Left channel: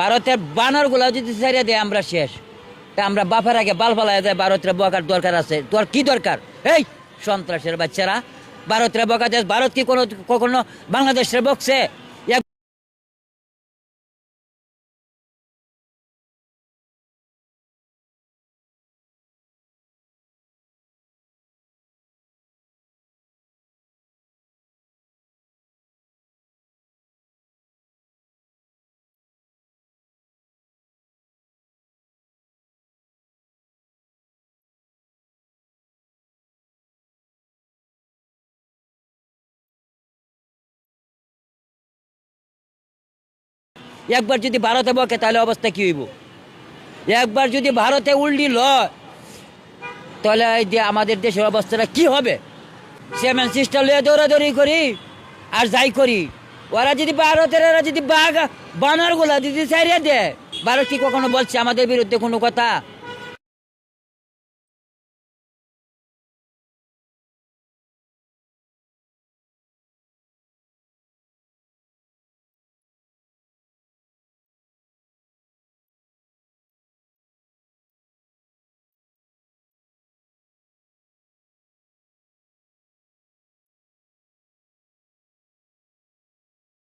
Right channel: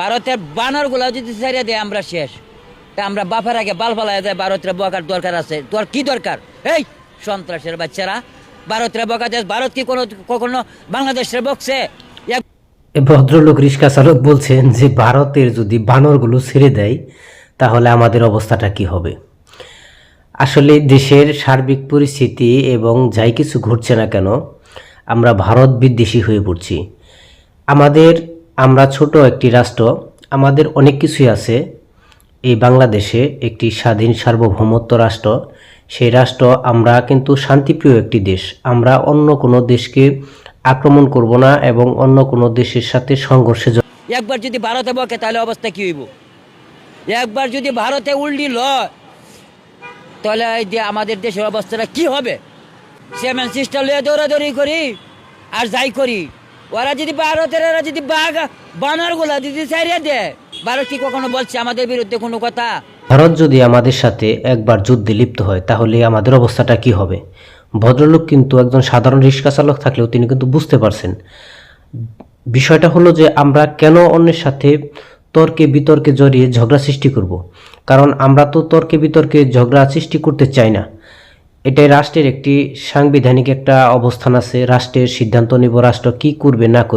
ভারতের বানরগুলো যদি ছেড়ে দেয় আমরা শেষ। তা আমরা বাপের আগে বাল ফালাই যায়, ভারতের বকার দরকার আছে। তোর কি দরকার? এই, সন্ত্রাসের বাচ্চারা। ভারতের বকা দেশ, ভারত কি কোনো কখনো বাংলাদেশের বকছে? ভদ্রলোক রিক্সা চালক বলছেন যে, ভারতের যদি বানরগুলো ছেড়ে দেয়, তাহলে আমাদের অবস্থাটা কি হবে? আসলে দেশের সার্বিক পরিস্থিতি এবং যাই কিছু ঘটছে না কেন, আমরা ভারত বিদ্বেষী হয়ে পড়ছি। আমাদের আমরা ছোট একটি রাষ্ট্র, আমাদের অনেক কিছুই আছে। এই বাংলাদেশে একটি স্বাধীন সার্বভৌমত্ব রাষ্ট্র। সেই রাষ্ট্র আমরা কিন্তু শান্তিপ্রিয় একটি দেশ। আমরা অন্য কোনো দেশকে আক্রমণ করব না এবং অন্য কোনো দেশের সাথে সংঘর্ষে একবার যদি ভারতে বকে, তাহলে অবস্থা কি হইব? একবার যদি ভারতে উল্টি লয়, তাহলে আমাদের দেশের অবস্থাটা কি হবে? সেভেন সিস্টার লিয়ে দৌড়াদৌড়ি করি আর যাই করি। ওরা যদি ভারতের ওরা যদি বাঘ, বানরগুলা যদি ছাড়িয়ে দেয় ভারত কি কখনো বলছে আমাদের বিরুদ্ধে কোনো কথা? ভারত যদি আমাদের সাথে একবার যুদ্ধে লিপ্ত হয়, তাহলে আমাদের অবস্থাটা কি হবে? ভদ্রলোক কিন্তু একজন সাধারণ রিক্সা চালক থাকলেও তিনি কিন্তু বুঝতে পারছেন। বিষয়টা হলো যে আমরা কেন অন্যের সাথে তর্কে বিতর্কে জড়িয়ে ঝগড়া সৃষ্টি করব। কারণ আমরা তো তর্কে বিতর্কে ঝগড়া সৃষ্টি করতে চাই না। এটাই রাষ্ট্রের একটি সাংবিধানিক একটা অবস্থান আছে। রাষ্ট্রের সিদ্ধান্ত নিব, রাষ্ট্র কি করবে, না করবে।